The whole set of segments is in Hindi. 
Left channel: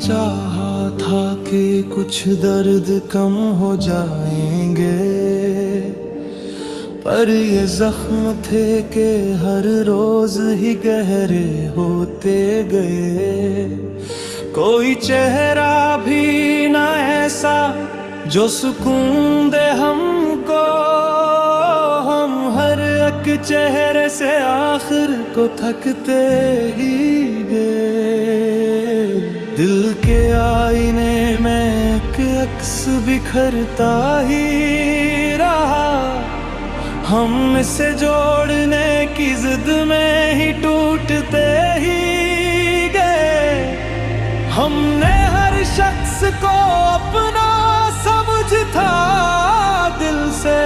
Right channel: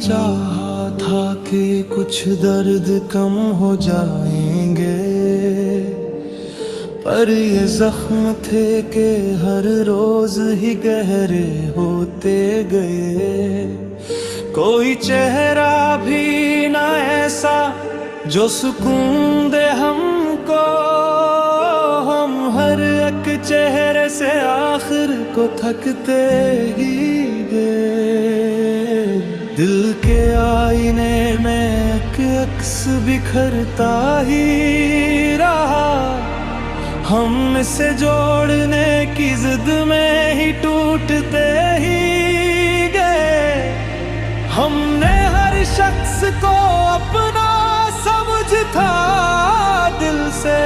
चाहा था कि कुछ दर्द कम हो जाएंगे, पर ये जख्म थे कि हर रोज ही गहरे होते गए। कोई चेहरा भी ना ऐसा जो सुकून दे हमको, हम हर एक चेहरे से आखिर को थकते ही गए। दिल के आईने में एक अक्स बिखरता ही रहा, हम इसे जोड़ने की जिद में ही टूटते ही गए। हमने हर शख्स को अपना समझ था दिल से,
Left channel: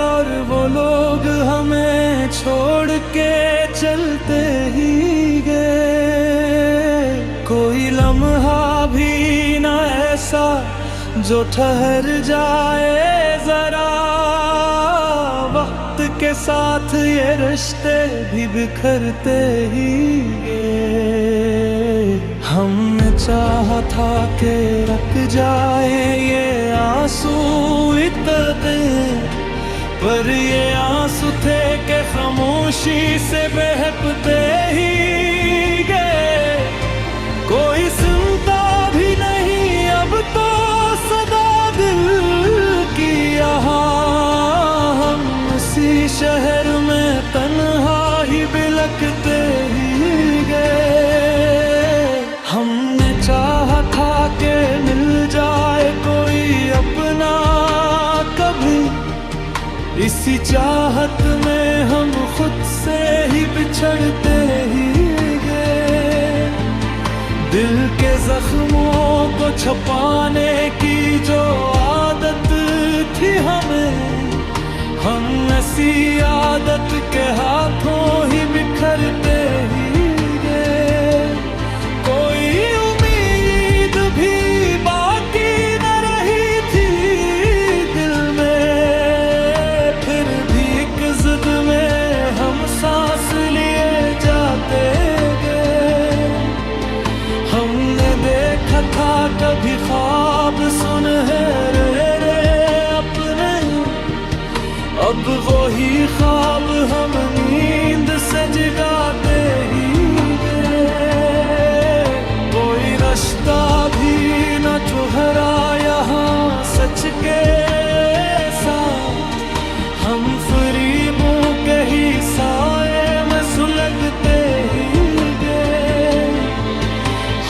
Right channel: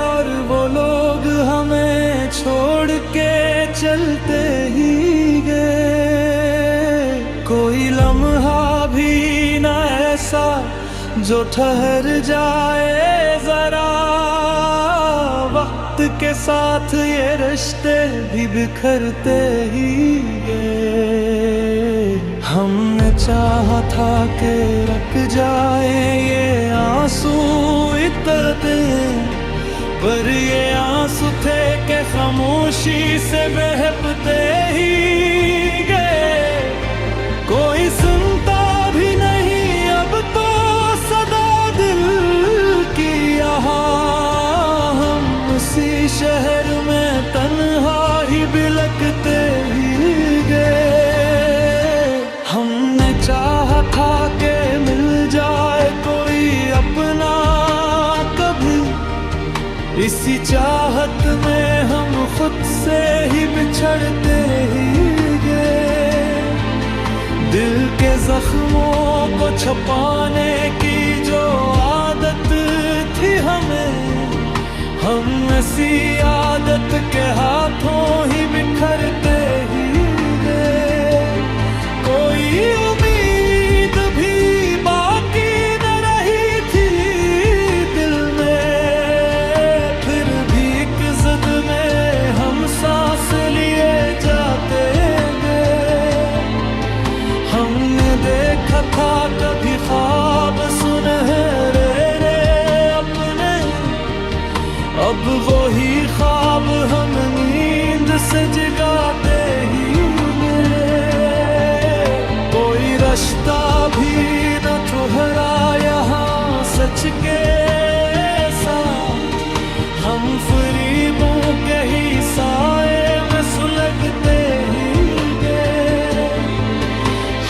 और वो लोग हमें छोड़ के चलते ही गए। कोई लम्हा भी ना ऐसा जो ठहर जाए जरा, वक्त के साथ ये रिश्ते भी बिखरते ही गए। हमने चाहा था कि रुक जाए ये आंसू इतने, पर ये आंसू थे कि खामोशी से बहते ही गए। कोई सुनता भी नहीं अब तो सदा दिल की यहाँ, हम उसी शहर में तन्हा ही बिलखते ही गए। हमने चाहा था कि मिल जाए कोई अपना कभी, इसी चाहत में हम खुद से ही बिछड़ते ही गए। दिल के जख्मों को छुपाने की जो आदत थी हमें, हम ऐसी आदत के हाथों ही बिखरते ही गए। कोई उम्मीद भी बाकी न रही थी दिल में, फिर भी एक जिद में हम सांस लिए जाते गए। हमने देखा था कभी ख्वाब सुनहरे रे अपने, अब वही ख्वाब हम नींद से जगाते ही गए। कोई रास्ता भी न ठहरा यहाँ सच के साथ, हम फरीबों के ही साए में सुलगते ही गए।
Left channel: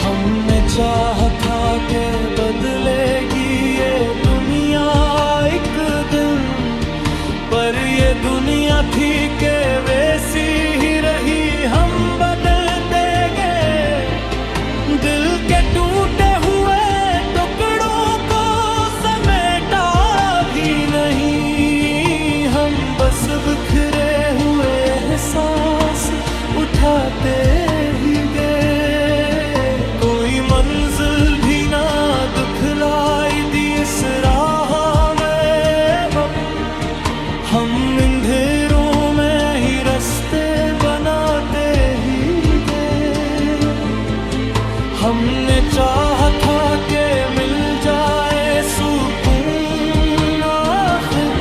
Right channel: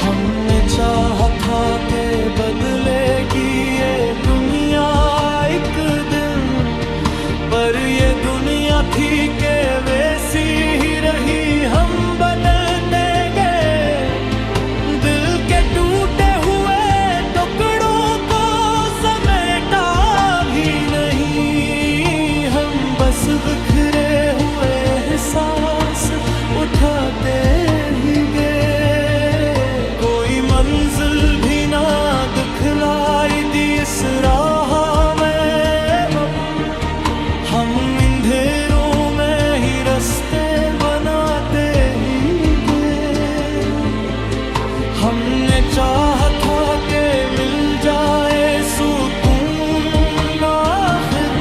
हमने चाहा था कि बदलेगी ये दुनिया एक दिन, पर ये दुनिया थी कि वैसी ही रही, हम बदलते गए। दिल के टूटे हुए टुकड़ों को समेटा भी नहीं, हम बस बिखरे हुए एहसास उठाते ही गए। कोई मंजिल भी ना दुखलाई दी इस राह में, हम अंधेरों में ही रास्ते बनाते ही गए। हमने चाहा था कि मिल जाए सुकून आखिर,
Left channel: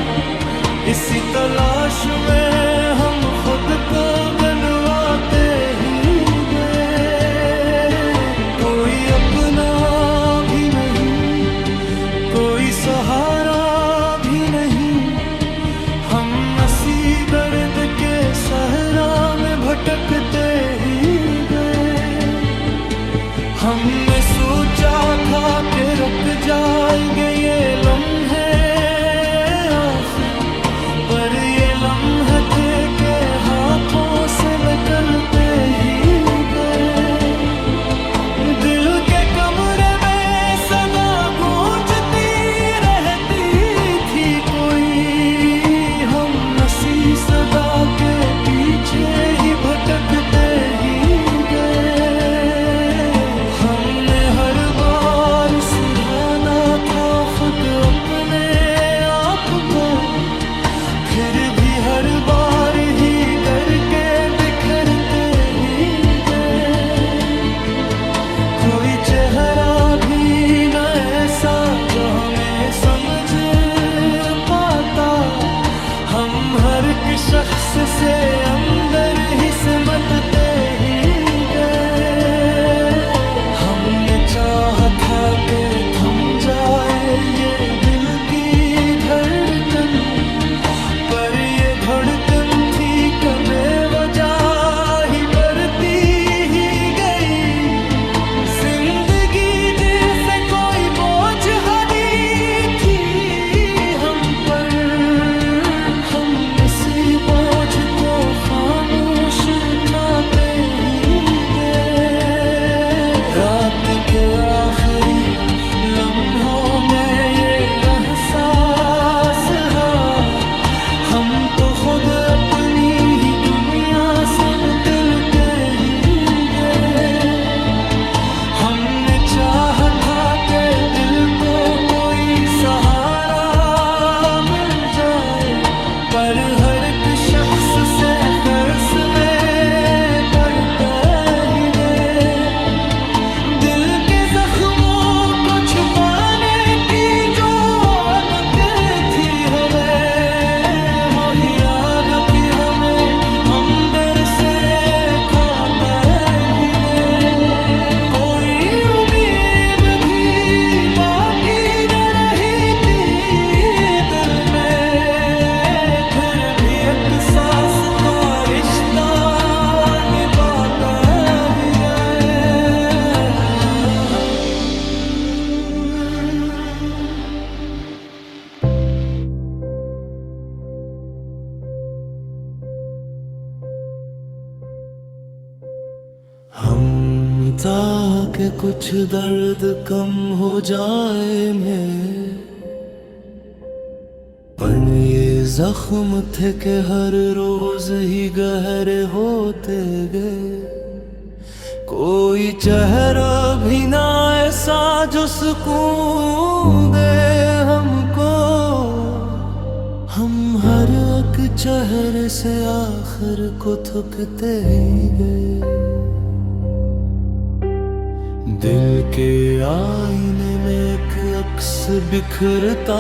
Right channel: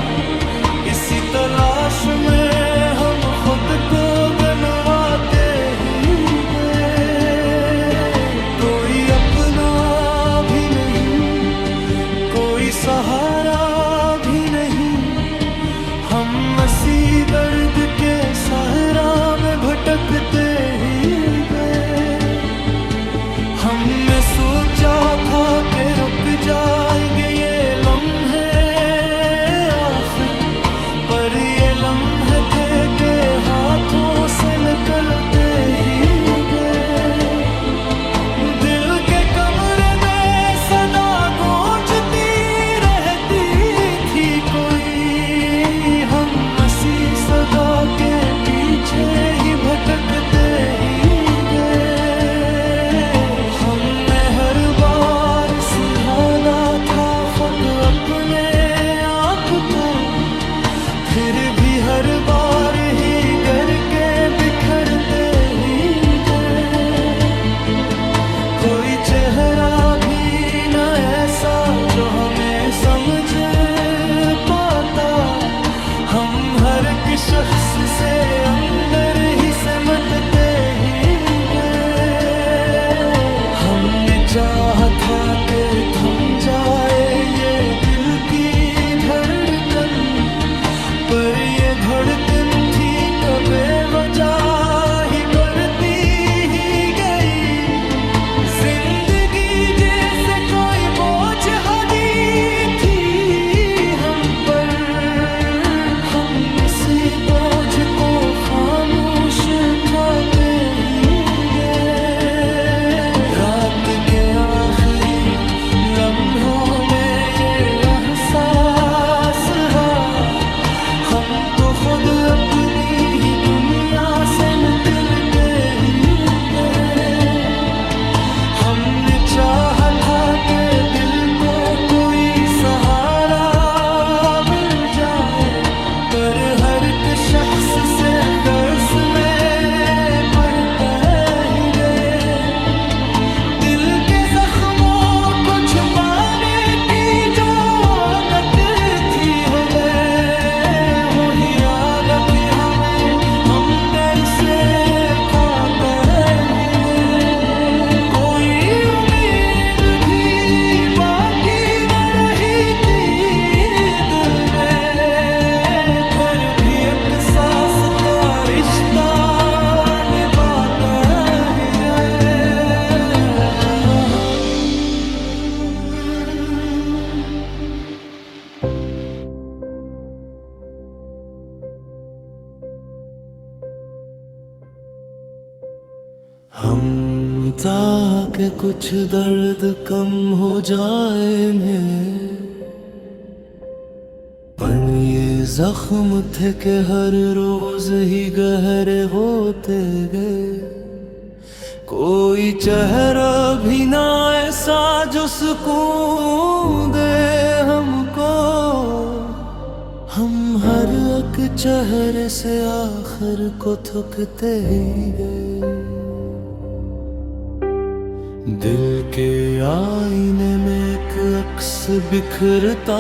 इसी तलाश में हम खुद को गनवाते ही गए। कोई अपना भी नहीं, कोई सहारा भी नहीं, हम इसी दर्द के सहरा में भटकते ही गए। हमने सोचा था कि रुक जाएंगे ये लम्हे आखिर, पर ये लम्हे थे कि हाथों से निकलते ही गए। दिल के कमरे में सदा गूंजती रहती थी कोई, हम इसी सदा के पीछे ही भटकते ही गए। हमने हर बार सुधारा था खुद अपने आप को, फिर भी हर बार ही गर के बिखरते ही गए। कोई चेहरा भी न ऐसा जो हमें समझ पाता। हम हर एक शख्स से अंदर ही सिमटते ही गए। हमने चाहा था कि थम जाए ये दिल की धड़कन, पर ये धड़कन थी कबे वजह ही बढ़ती ही गई। जिंदगी जैसे कोई बोझ हावी थी हम पर, हम इसी बोझ को खामोश उठाते ही गए। रात के आखिरी लम्हों में ये एहसास हा, हम तो खुद अपनी ही दुनिया से निकलते ही गए। हमने चाहा था कि दिल को कोई सहारा मिल जाए, पर हर एक शख्स से दर्स में पड़ता ही गए। दिल के जख्मों को छुपाने की जो आदत थी हो गए, हो ही आदत ही हमें हम डर से खाता है। कोई उम्मीद भी बाकी न रही थी दिल में, फिर भी एक सांस तो रिश्ता निभाता ही है। हम ताकि कुछ दर्द कम हो जाए में, पर ये जख्म थे कि हर रोज ही गहरे होते गए। कोई चेहरा भी ना ऐसा जो सुकून दे हमको, हम हर एक चेहरे से आखिर को थकते ही गए। दिल के आईने में एक अक्स बिखरता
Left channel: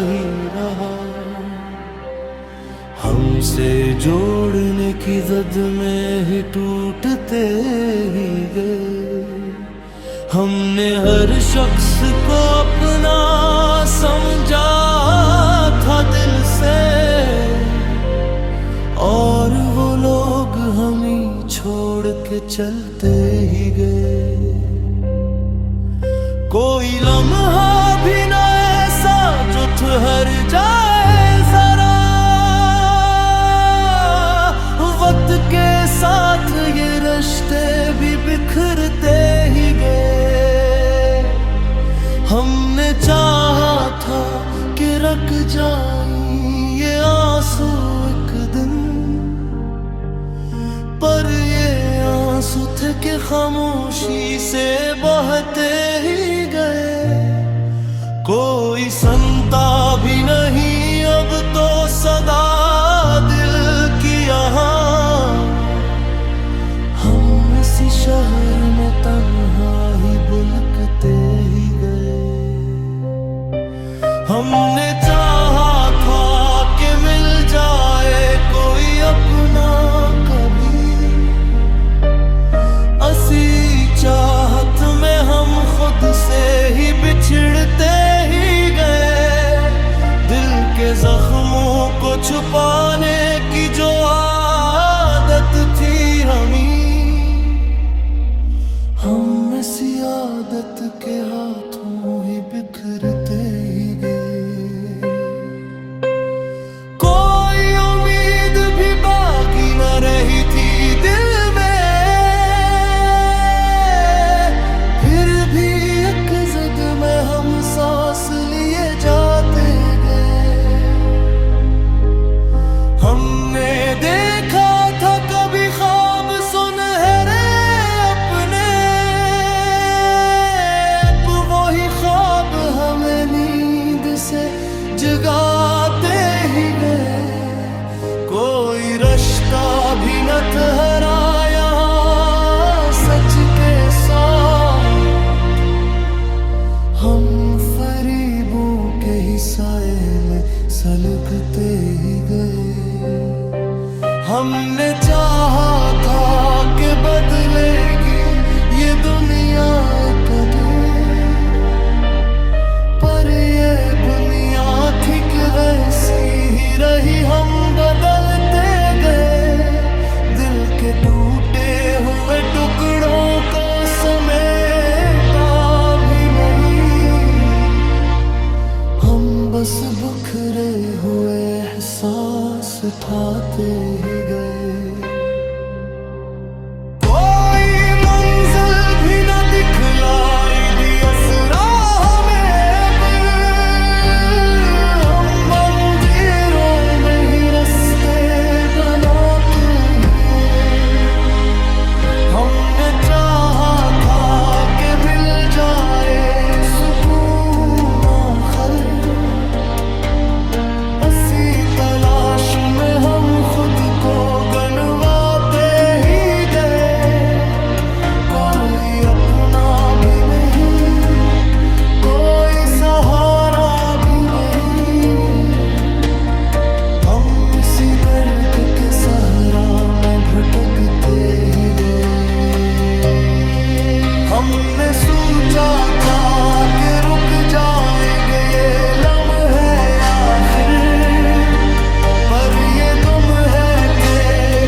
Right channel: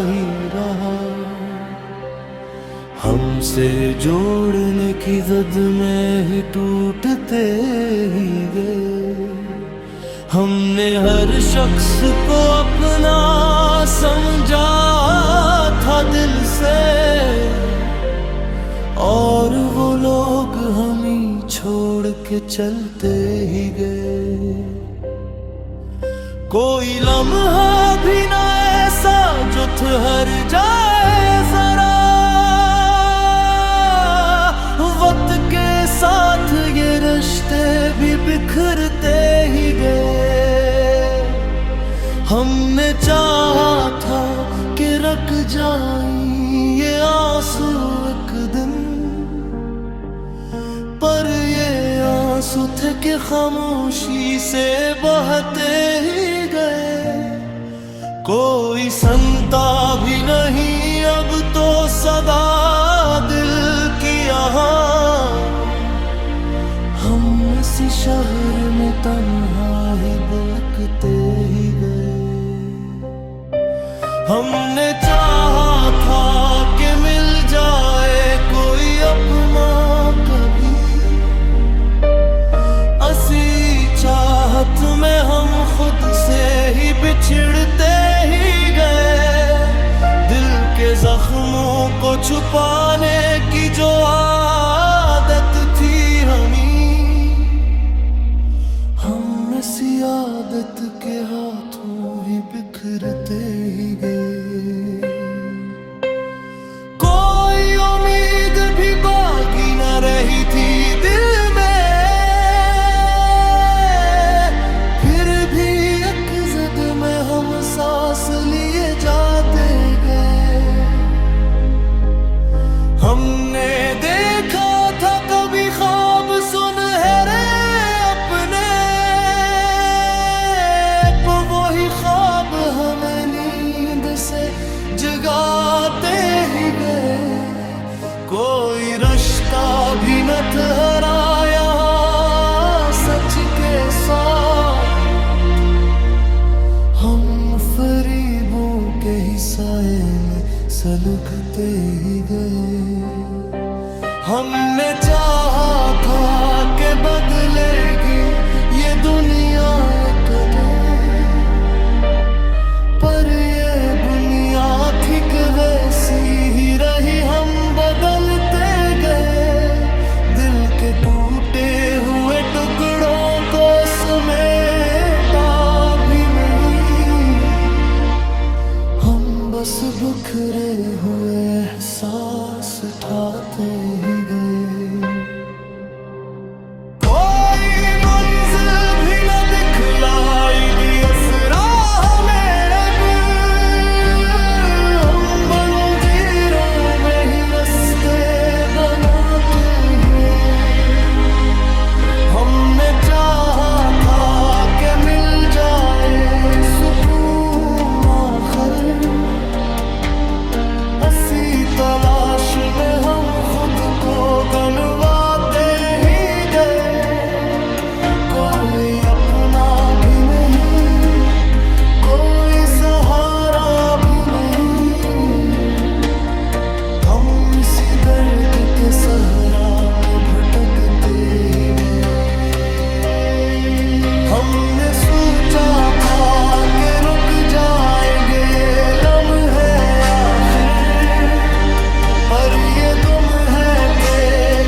ही रहा, हमसे जोड़ने की जद में ही टूटते ही गए। हमने हर शख्स को अपना समझा था दिल से, और वो लोग हम ही छोड़ के चलते ही गए। कोई लम्हा भी ना ऐसा जो ठहर जाए जरा, वक्त के साथ ये रिश्ते भी बिखरते ही गए। हमने चाहा था कि रख जाएं ये आंसू एक दिन, पर ये आंसू थे कि खामोशी से बहते ही गए। कोई संता भी नहीं अब तो सदा दिल की यहाँ, हम इसी शहर में तन्हा ही बुलकते ही गए। हमने चाहा था कि मिल जाए कोई अपना कभी, असी चाहत में हम खुद से ही बिछड़ते ही गए। दिल के जख्मों को छुपाने की जो आदत थी हम इसी आदत के हाथों ही बिखरते ही गए। कोई उम्मीद भी बाकी न रही थी दिल में, जद में हम सांस लिए जाते गए। हमने देखा था कभी ख्वाब सुनहरे अपने, वही ख्वाब हमें नींद से जगाते ही गए। कोई रास्ता भी न ठहरा यहाँ सच के सौ। हम फरीबों के ही साए में सलगते ही गए। हमने चाहा था कि बदलेगी ये दुनिया कदे, पर ये बुनियाद ठीक वैसी ही रही। हम बदलते गए, दिल के टूटे हुए टुकड़ों को समेटा भी नहीं। हम बस बिखरे हुए एहसास उठाते ही गए। कोई मंजिल भी न दिखलाई दी असरा हमें अब। हम मंदिरों में ही रास्ते बनाते हैं। हमने चाहा था कि मिल जाए सुकून आखिर, इसी तलाश में हम खुद को गनवाते ही गए। कोई अपना भी नहीं, कोई सहारा भी नहीं। हम इसी दर्द के सहरा में भटकते ही गए। हमने सोचा था कि रुक जाएंगे ये लम्हे आखिर, पर ये दुम है थे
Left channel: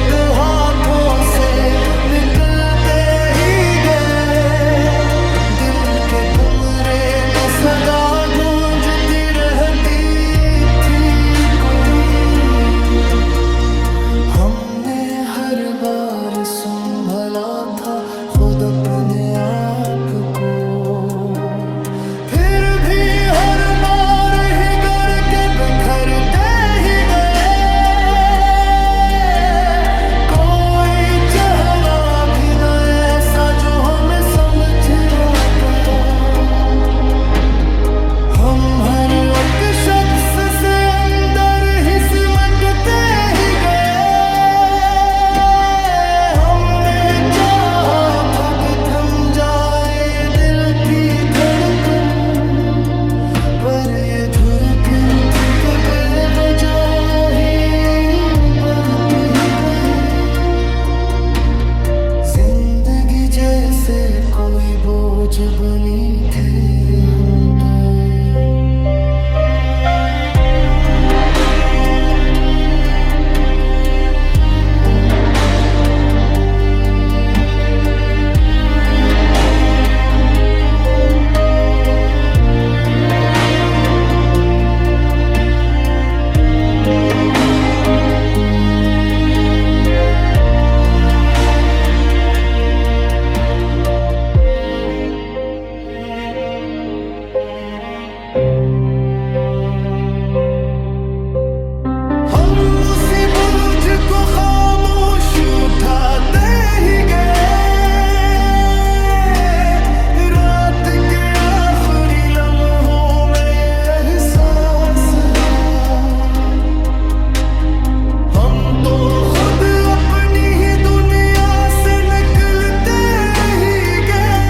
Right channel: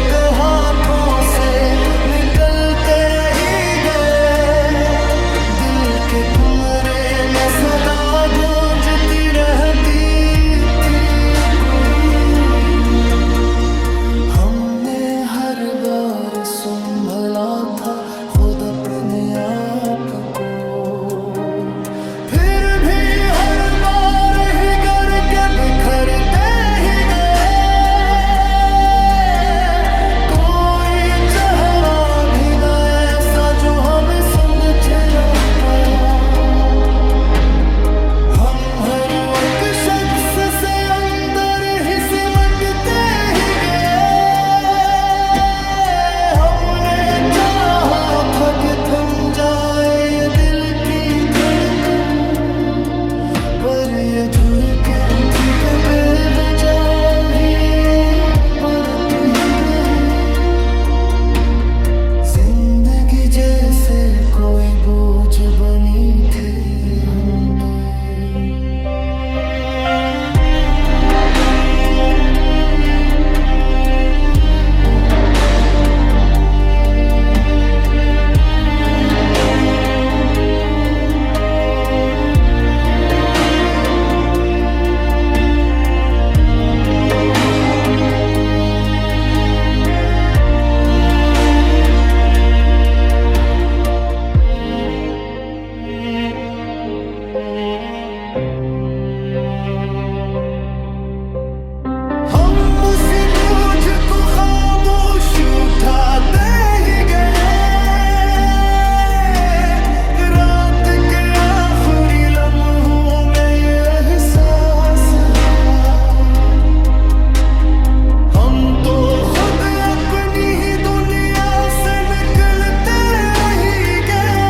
कि हाथों से निकलते ही गए। दिल के कमरे में सदा गूंजती रहती थी कोई। हमने हर बार संभला था खुद अपने आप को, फिर भी हर बार ही गर के बिखरते ही गए। कोई चेहरा भी न ऐसा जो हमें समझ रहा था। हम हर एक शख्स से अंदर ही सिमटते ही गए। हमने चाहा था कि थम जाए ये दिल की धड़कन, पर ये धड़कन थी कि बेवजह ही बढ़ती गई। जिंदगी जैसे कोई बोझ बनी थे हम पे। उसी बोझ को खामोश उठाते ही गए। रात के आखिरी लम्हों में ये एहसास है, हम तो खुद अपनी ही दुनिया से निकलते ही गए।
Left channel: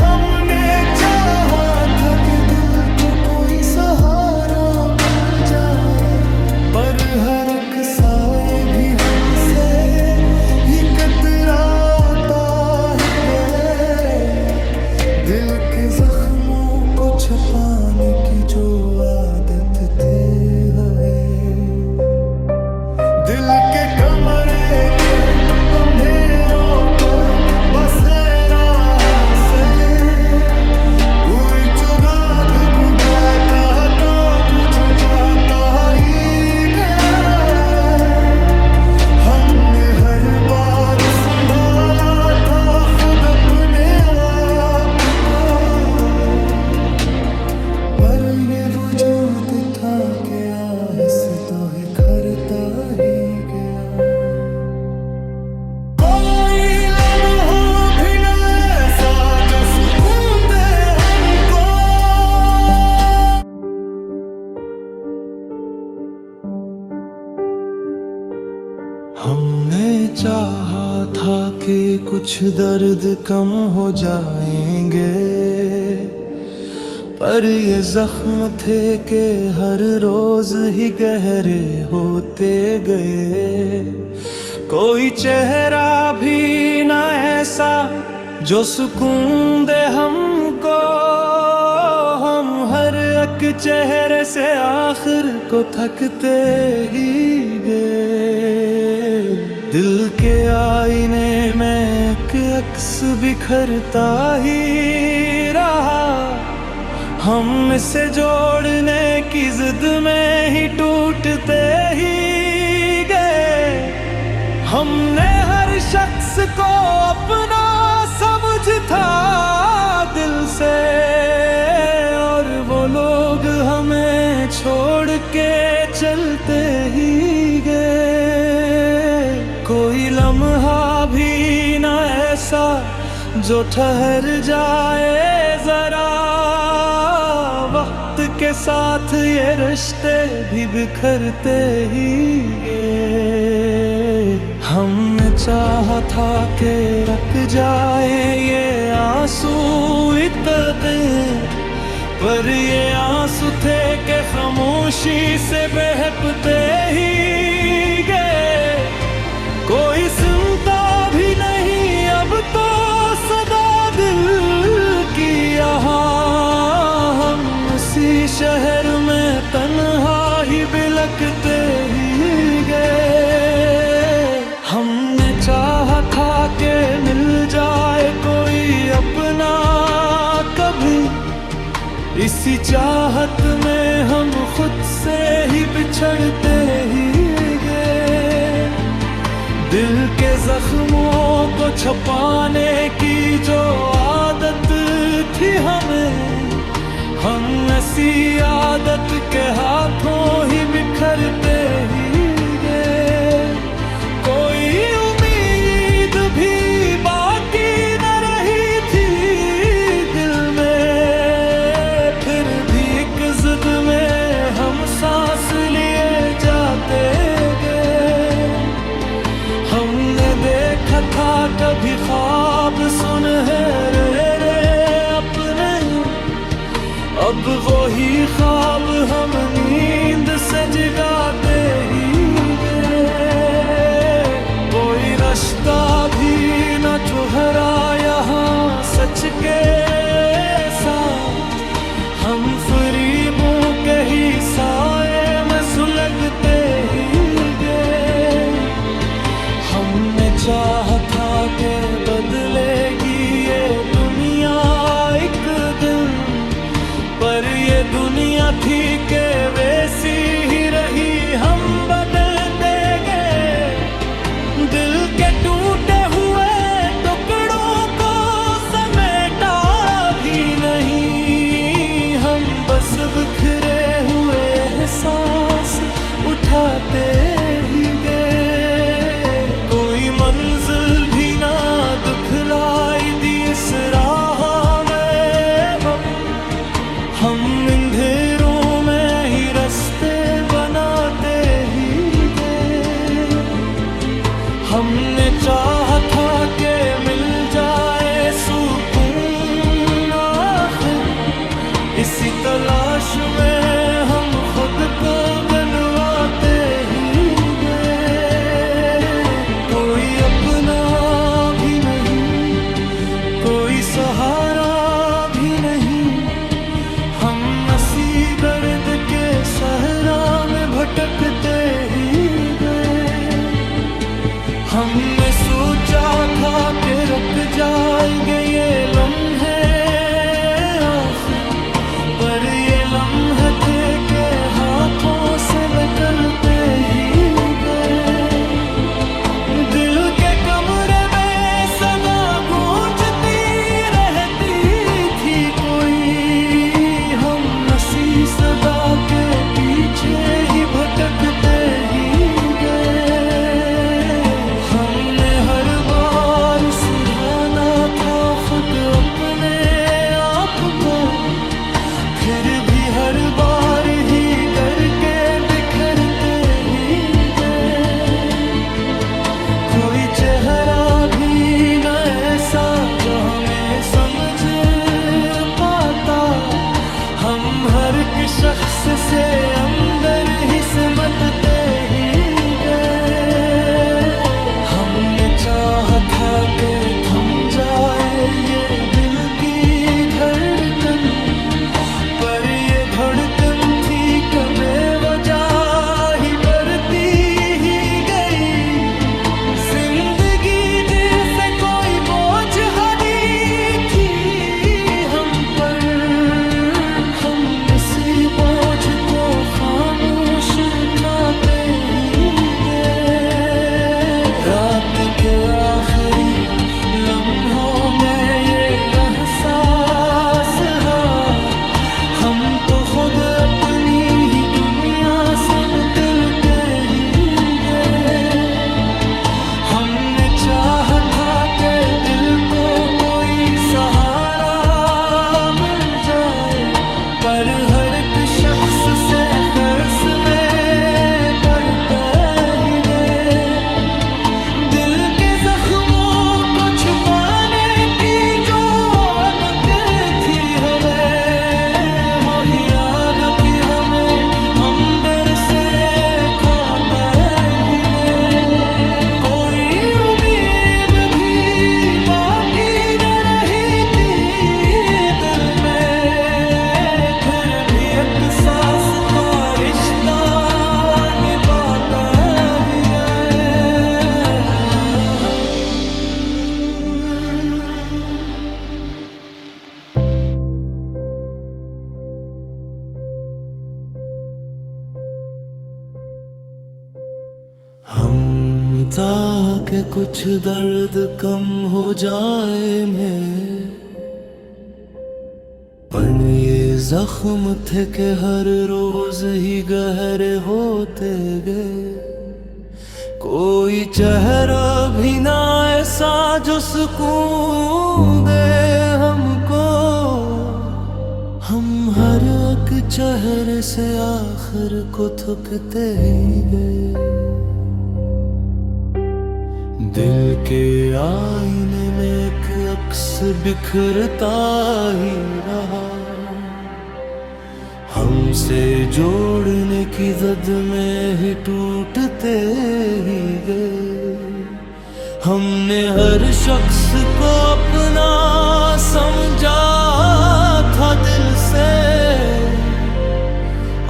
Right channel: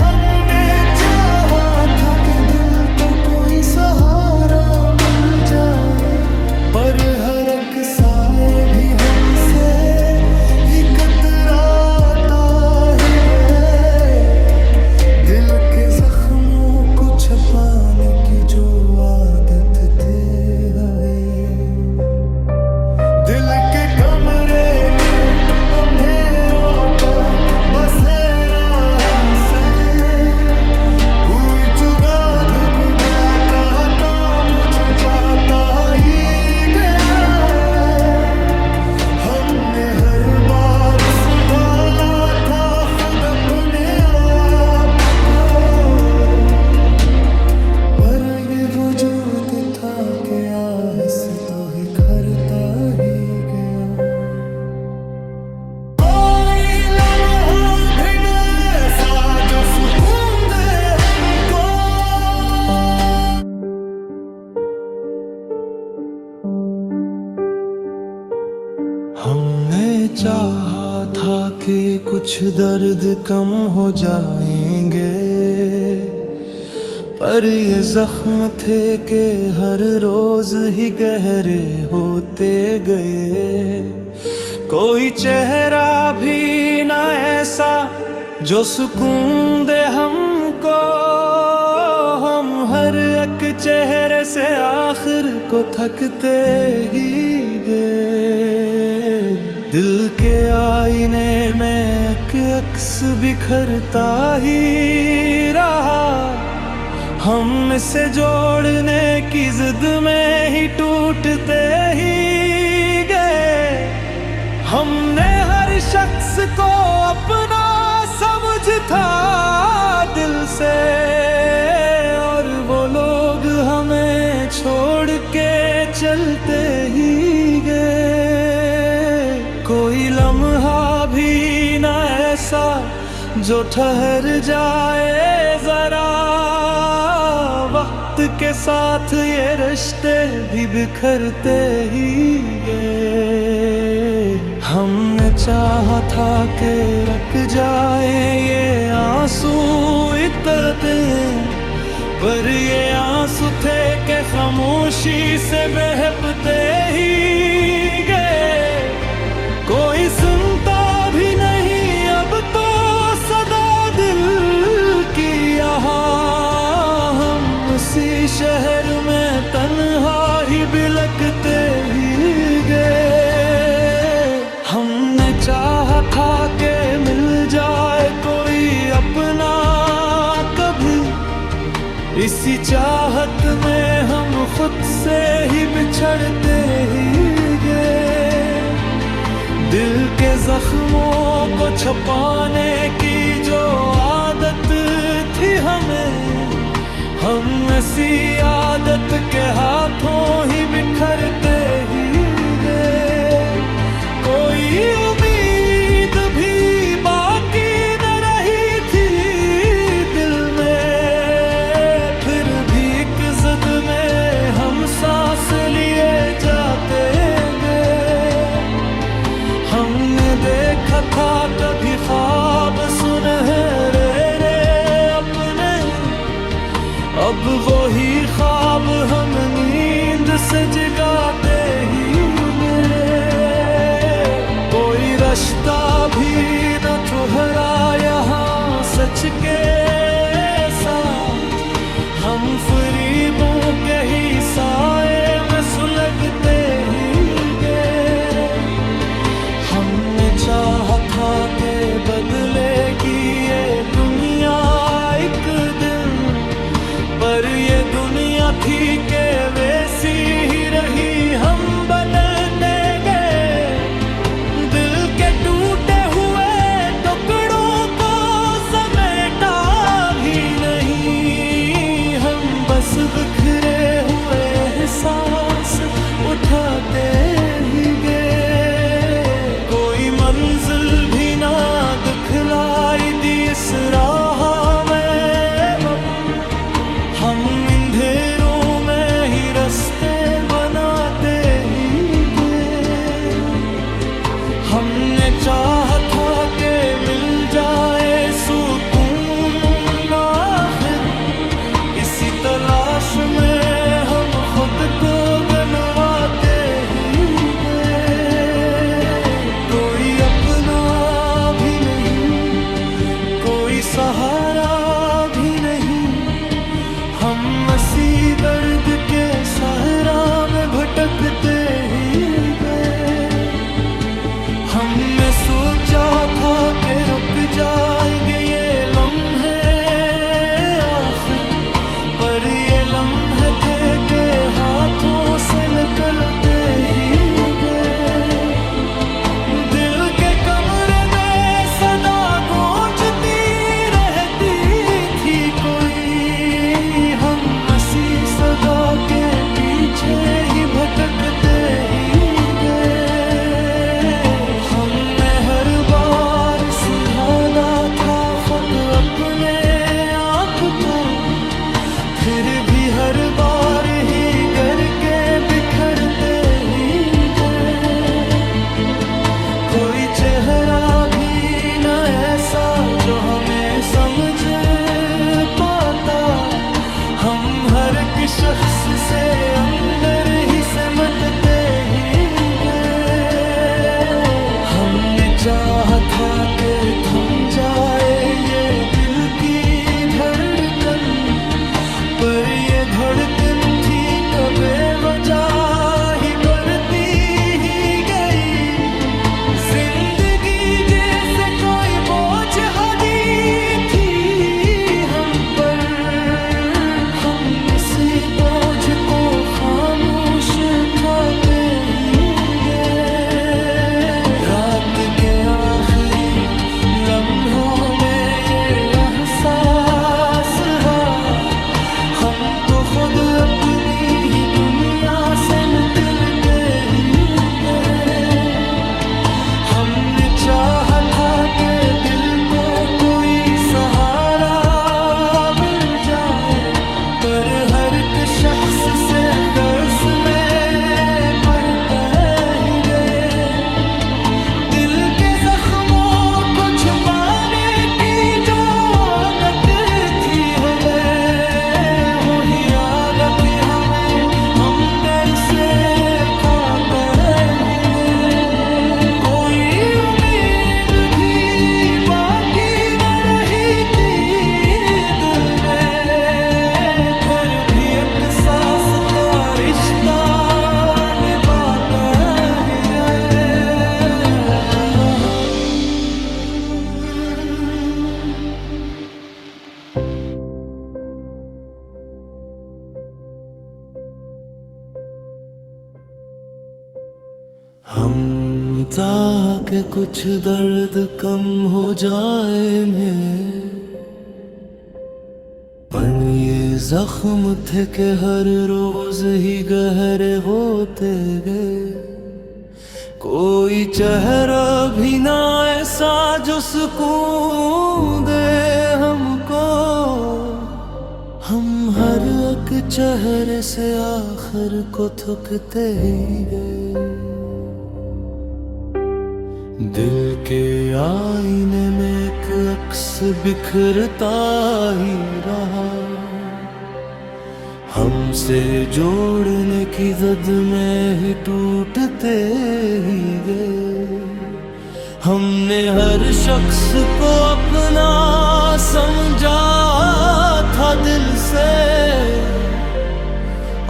हमने चाहा था कि दिल को कोई सहारा मिल जाए, पर हर एक साए भी हमसे ही कतराता ही गए। दिल के जख्मों को छुपाने की जो आदत थे हमें, दिल के कमरे में अंधेरों का बसेरा से पूरी चुगाद कहता था मुझ जाता ही गया। हमने हर बार संभाला था खुद अपने आप को, पर ये वजूद था कि आहिस्ते तो ही करता ही गया। कोई लम्हा भी न ऐसा जो सुकून दे हमको। हमने चाहा था कि कुछ दर्द कम हो जाएंगे, पर ये जख्म थे कि हर रोज ही गहरे होते गए। कोई चेहरा भी ना ऐसा जो सुकून दे हमको, हम हर एक चेहरे से आखिर को थकते ही गए। दिल के आईने में एक अक्स बिखरता ही रहा, हम इसे जोड़ने की जिद में ही टूटते ही गए। हमने हर शख्स को अपना समझ था दिल से, और वो लोग हमें छोड़ के चलते ही गए। कोई लम्हा भी ना ऐसा जो ठहर जाए जरा, वक्त के साथ ये रिश्ते भी बिखरते ही गए। हमने चाहा था कि रुक जाए ये आंसू इतने, पर ये आंसू थे कि खामोशी से बहते ही गए। कोई सुनता भी नहीं अब तो सदा दिल की यहाँ, हम उसी शहर में तन्हा ही बिलखते ही गए। हमने चाहा था कि मिल जाए कोई अपना कभी, इसी चाहत में हम खुद से ही बिछड़ते ही गए। दिल के जख्मों को छुपाने की जो आदत थी हमें, हम ऐसी आदत के हाथों ही बिखरते ही गए। कोई उम्मीद भी बाकी न रही थी दिल में, फिर भी एक जिद में हम सांस लिए जाते गए। हमने देखा था कभी ख्वाब सुनहरे अपने, अब वही ख्वाब हम नींद से जगाते ही गए। कोई रास्ता भी न ठहरा यहाँ सच के साथ, हम फरीबों के ही साए में सुलगते ही गए। हमने चाहा था कि बदलेगी ये दुनिया एक दिन, पर ये दुनिया थी कि वैसी ही रही, हम बदलते गए। दिल के टूटे हुए टुकड़ों को समेटा भी नहीं, हम बस बिखरे हुए एहसास उठाते ही गए। कोई मंजिल भी ना दिखलाई दी इस राह में, हम अंधेरों में ही रास्ते बनाते ही गए। हमने चाहा था कि मिल जाए सुकून आखिर, इसी तलाश में हम खुद को गनवाते ही गए। कोई अपना भी नहीं, कोई सहारा भी नहीं, हम इसी दर्द के सहरा में भटकते ही गए। हमने सोचा था कि रुक जाएंगे ये लम्हे आखिर, पर ये लम्हे थे कि हाथों से निकलते ही गए। दिल के कमरे में सदा गूंजती रहती थी कोई, हम इसी सदा के पीछे ही भटकते ही गए। हमने हर बार सुधारा था खुद अपने आप को, फिर भी हर बार ही गर के बिखरते ही गए। कोई चेहरा समझ पाता। हम हर एक शख्स से अंदर ही सिमटते ही गए। हमने चाहा था कि थम जाए ये दिल की धड़कन, पर ये धड़कन थी कबे वजह ही बढ़ती ही गई। जिंदगी जैसे कोई बोझ हावी थी हम पर, हम इसी बोझ को खामोश उठाते ही गए। रात के आखिरी लम्हों में ये एहसास है, हम तो खुद अपनी ही दुनिया से निकल के ही गए। हमने चाहा था कि दिल को कोई सहारा मिल जाए, पर हर एक शख्स से दर्स में पड़ता ही गए। दिल के जख्मों को छुपाने की जो आदत थी हो गए, हो ही आदत ही हमें हम डर से खाता है। कोई उम्मीद भी बाकी न रही थी दिल में, फिर भी एक सांस का रिश्ता निभाता ही है। हम ताकि कुछ दर्द कम हो जाए में, पर ये जख्म थे कि हर रोज ही गहरे होते गए। कोई चेहरा भी ना ऐसा जो सुकून दे हमको, हम हर एक चेहरे से आखिर को थकते ही गए। दिल के आईने में एक अक्स बिखरता ही रहा, हमसे जोड़ने की जद में ही टूटते ही गए। हमने हर शख्स को अपना समझा था दिल से,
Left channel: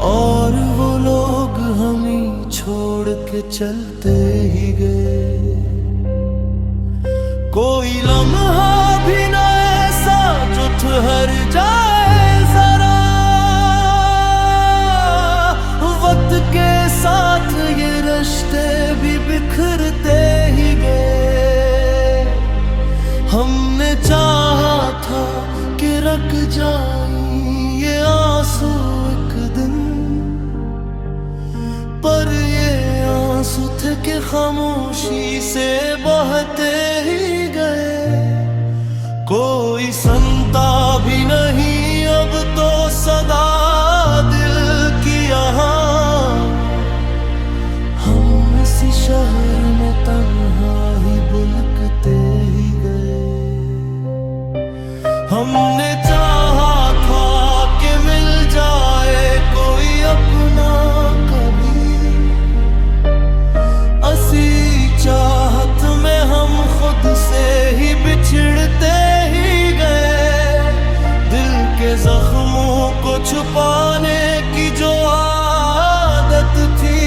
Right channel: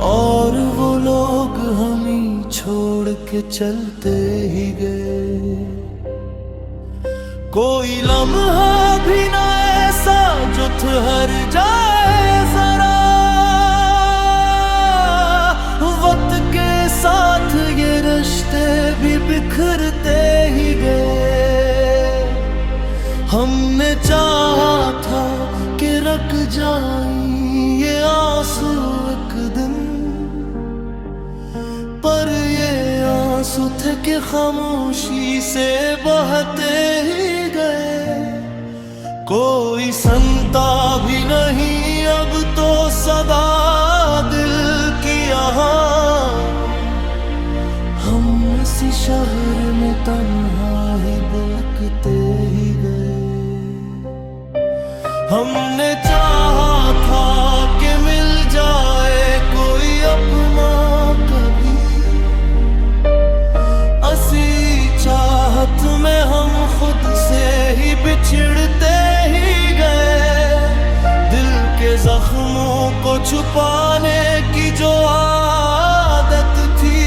और वो लोग हम ही छोड़ के चलते ही गए। कोई लम्हा भी ना ऐसा जो ठहर जाए जरा, वक्त के साथ ये रिश्ते भी बिखरते ही गए। हमने चाहा था कि रख जाएं ये आंसू एक दिन, पर ये आंसू थे कि खामोशी से बहते ही गए। कोई सुनता भी नहीं अब तो सदा दिल की यहाँ, हम इसी शहर में तन्हा ही बुलकते ही गए। हमने चाहा था कि मिल जाए कोई अपना कभी, असी चाहत में हम खुद से ही बिछड़ते ही गए। दिल के जख्मों को छुपाने की जो आदत थी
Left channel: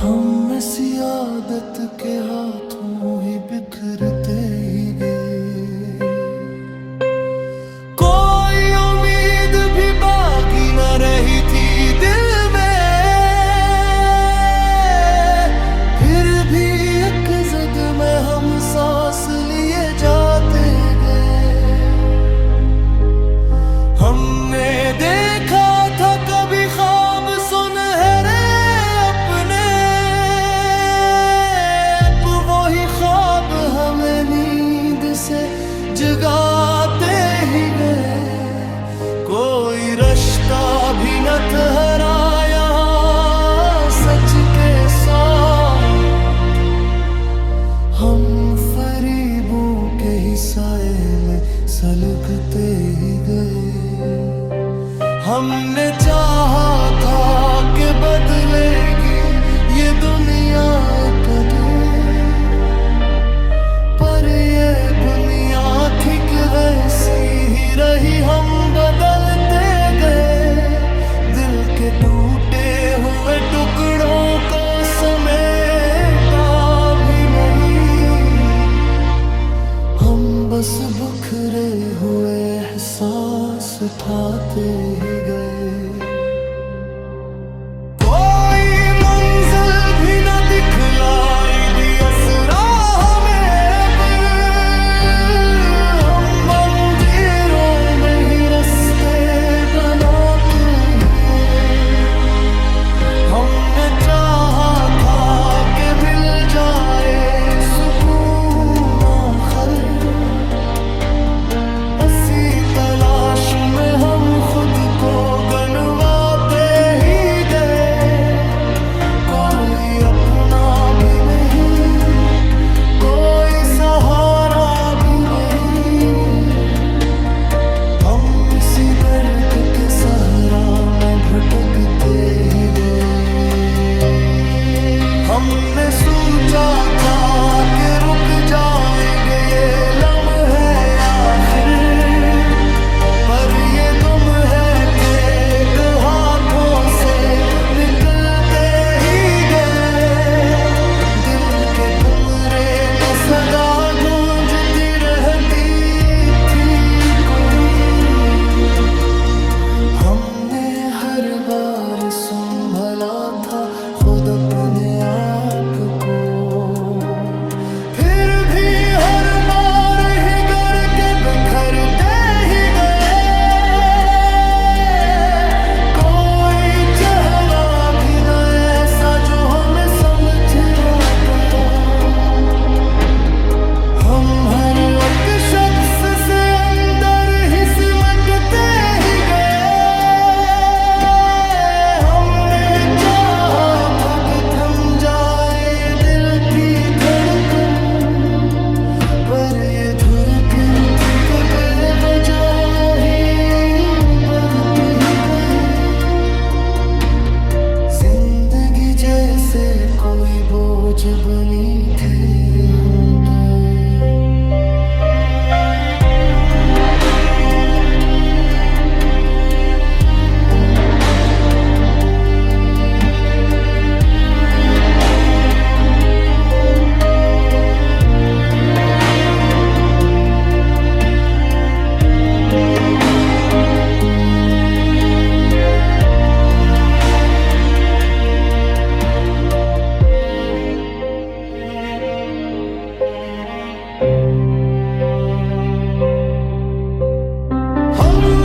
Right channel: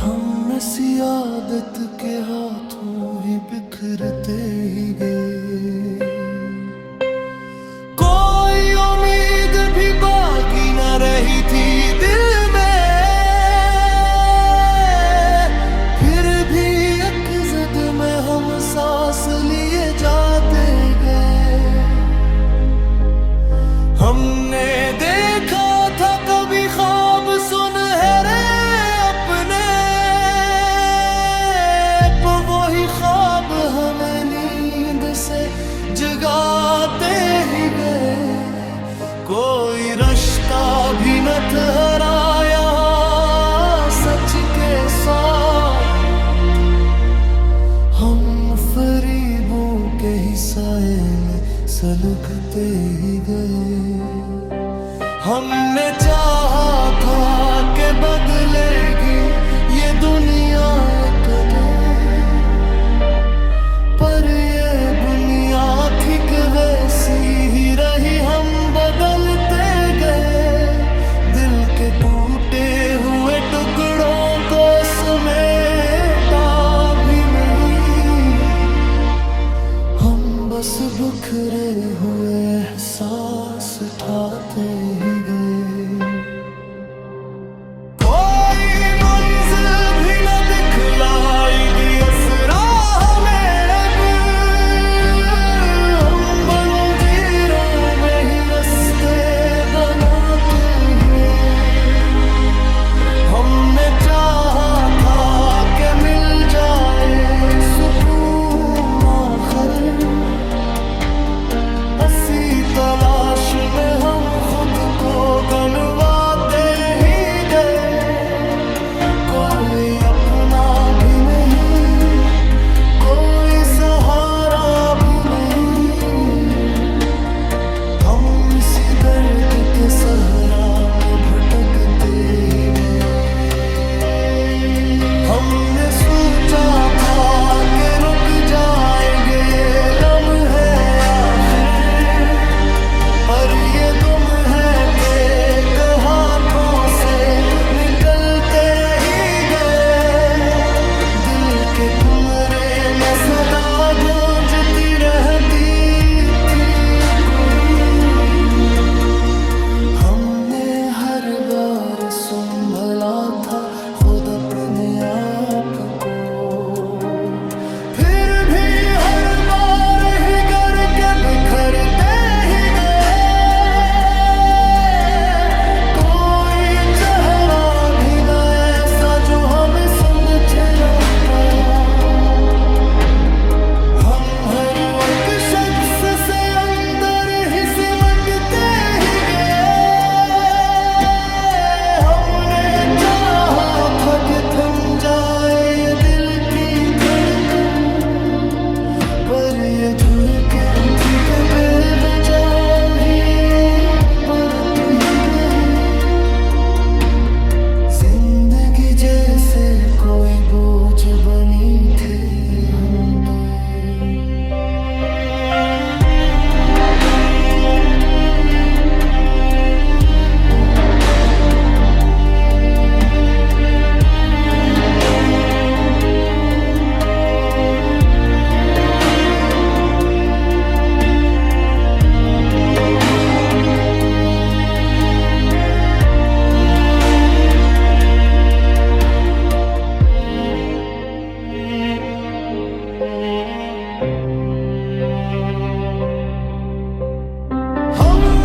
हम इसी आदत के हाथों ही बिखरते ही गए। कोई उम्मीद भी बाकी न रही थी दिल में, जद में हम सांस लिए जाते गए। हमने देखा था कभी ख्वाब सुनहरे अपने, वही ख्वाब हमें नींद से जगाते ही गए। कोई रिश्ता भी न ठहराया सच के साथ, हम फरीबों ही साए में सलगते ही गए। हमने चाहा था कि बदलेगी ये दुनिया कदे, पर ये बुनियाद ठीक वैसी ही रही, हम बदलते गए। दिल के टूटे हुए टुकड़ों को समेटा भी नहीं, हम बस बिखरे हुए एहसास उठाते ही गए। कोई मंजिल भी न दिखलाई दी असरा हमें, अब हम मंदिरों में ही रास्ते बनाते हैं। हमने चाहा था कि मिल जाए सुकून आखिर, इसी तलाश में हम खुद को गनवाते ही गए। कोई अपना भी नहीं, कोई सहारा भी नहीं, हम इसी दर्द के सहरा में भटकते ही गए। हमने सोचा था कि रुक जाएंगे ये लम्हे आखिर, पर ये दुम है फेंक हाथों से निकलते ही गए। दिल के कमरे में सदा गूंजती रहती थी कोई, हमने हर बार संभला था खुद अपने आप को, फिर भी हर बार ही गर के बिखरते ही गए। कोई चेहरा भी न ऐसा जो हमें समझ रहा था, हम हर एक शख्स से अंदर ही सिमटते ही गए। हमने चाहा था कि थम जाए ये दिल की धड़कन, पर ये धड़कन थी कि बेवजह ही बढ़ती गई। जिंदगी जैसे कोई बोझ बनी थे हम पे।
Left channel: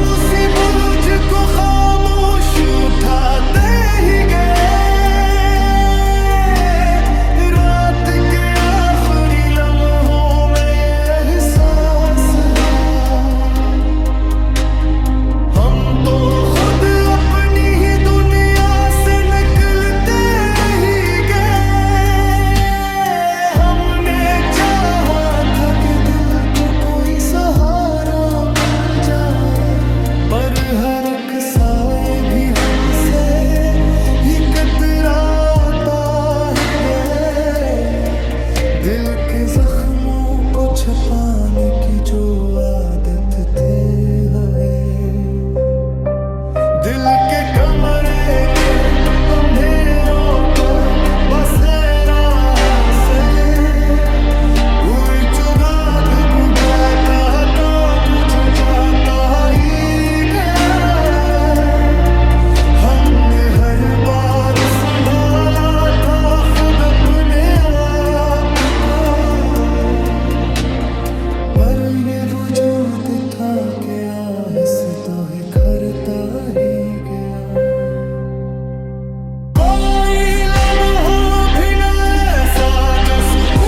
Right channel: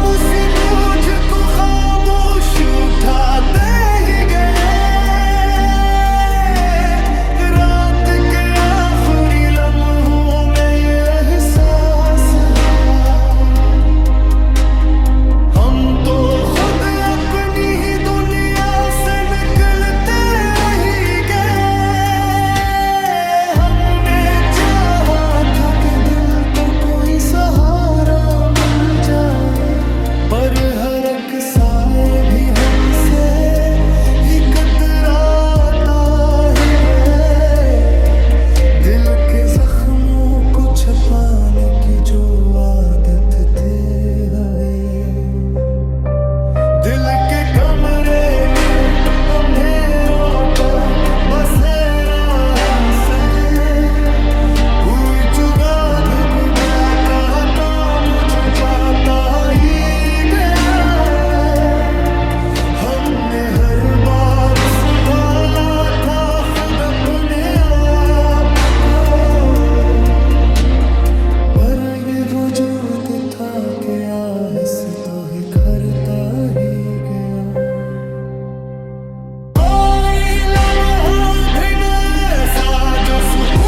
उसी बोझ को खामोश उठाते ही गए। रात के आखिरी लम्हों में ये एहसास है, हम तो खुद अपनी ही दुनिया से निकलते ही गए। हमने चाहा था कि दिल को कोई सहारा मिल जाए, पर हर एक साए भी हमसे ही कतराता ही गए। दिल के जख्मों को छुपाने की जो आदत थे हमें, दिल के कमरे में अंधेरों का बसेरा से कोई चुगाद बुझाता था, मुझे जाता ही हमने हर बार संभाला था खुद अपने आप को, पर ये वजूद था कि आहिस्ता तो ही करता ही गया। कोई लम्हा भी न ऐसा जो सुकून